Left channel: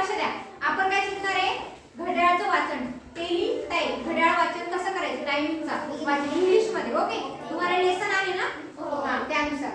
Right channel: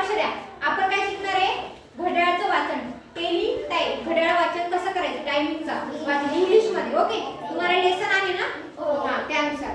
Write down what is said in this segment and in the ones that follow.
लक्ष द्या. आपण काय शिकणार आहे? घड्याळाचं वाचन. टेली टाईप घड्याळ वाचन कसं करायचं? टायमिंगचा वाचन इंग्लिशमध्ये ओके तुम्हाला लेसन आले ना? हो. त्यानुसार.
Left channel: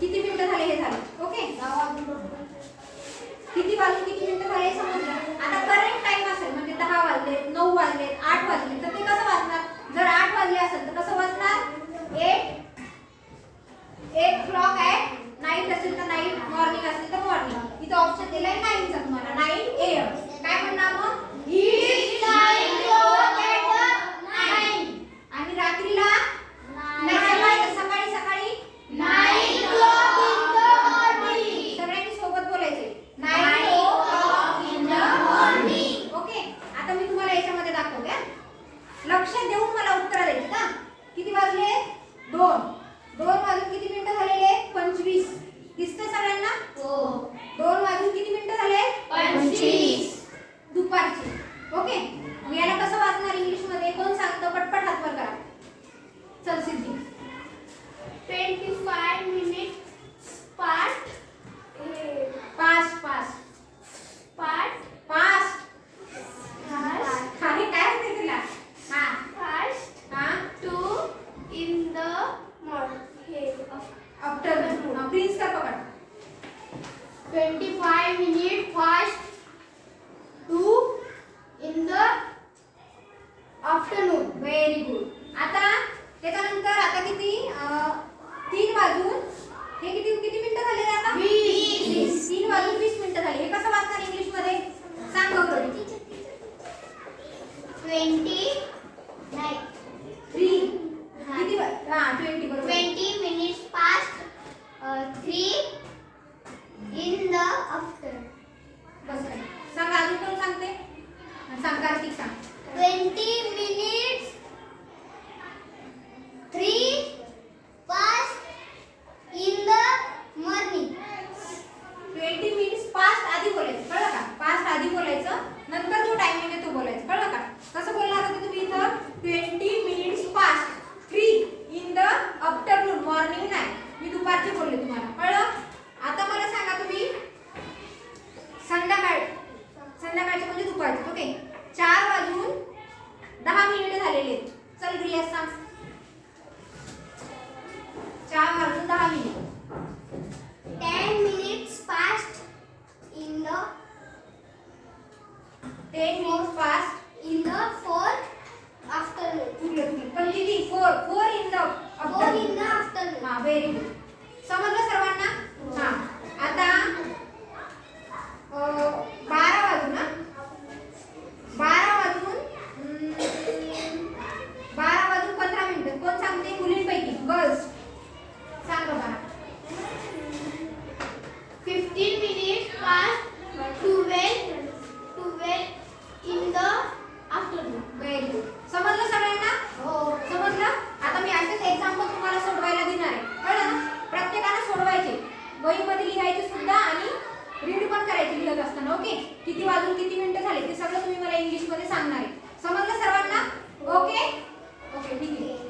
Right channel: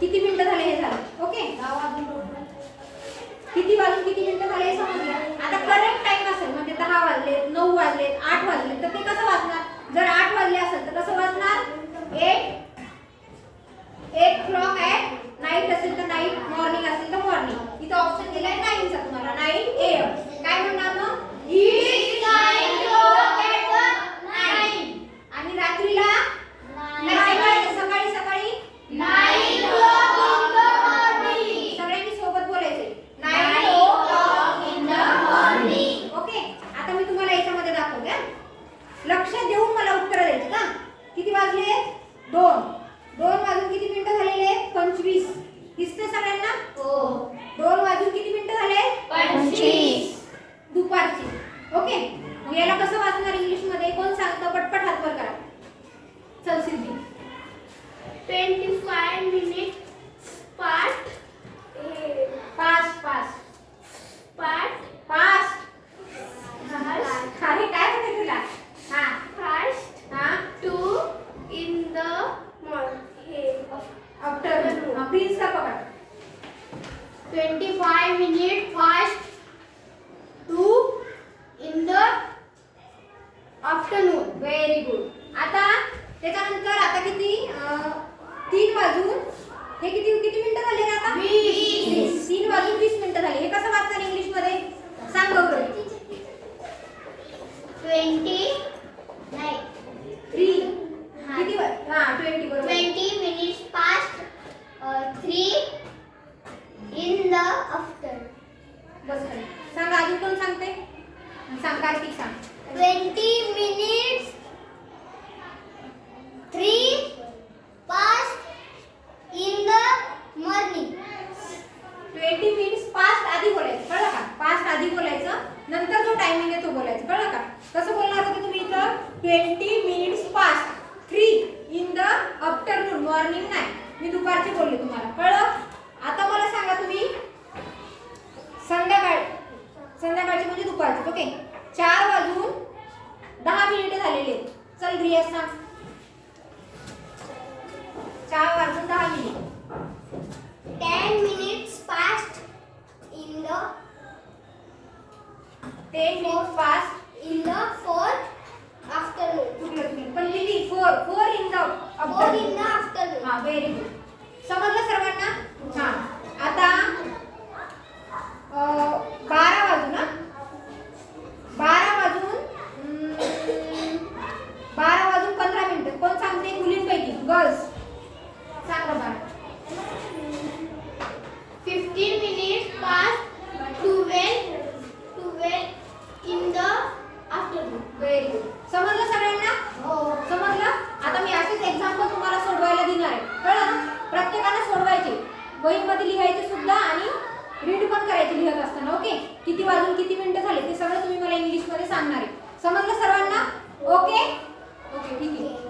किती मिनिटं झाले हे झालं? ओके किती वाजून किती मिनिटं झाले हे समजलं? आता करंट टाइम असेल म्हणजे दहा वाजलेत नऊ वाजलेत आठ वाजलेत तर ते कसं वाजले in the afternoon. stop star पकड़. 25 minutes past to in the afternoon. Very good. आता त्याच्यानंतर आता किती तीन वाजून ओके. चार वाजून दहा मिनिट झालेले चल रिया सांग. चार वाजून दहा minute. Ten minute fast in the ten minute fast in the four afternoon पण लिहिली four four in the four in the afternoon हा व्हेरी गुड समजलं वहीमध्ये लिहायचं सुद्धा आणि रीड पण करायचं लिहत असताना ओके किती वाजून किती मिनिटं झाले ते सगळं तुम्ही मला इंग्लिशमध्ये सांगणार आहे. समजलं सर्वांना? ओके ओके ठीक आहे.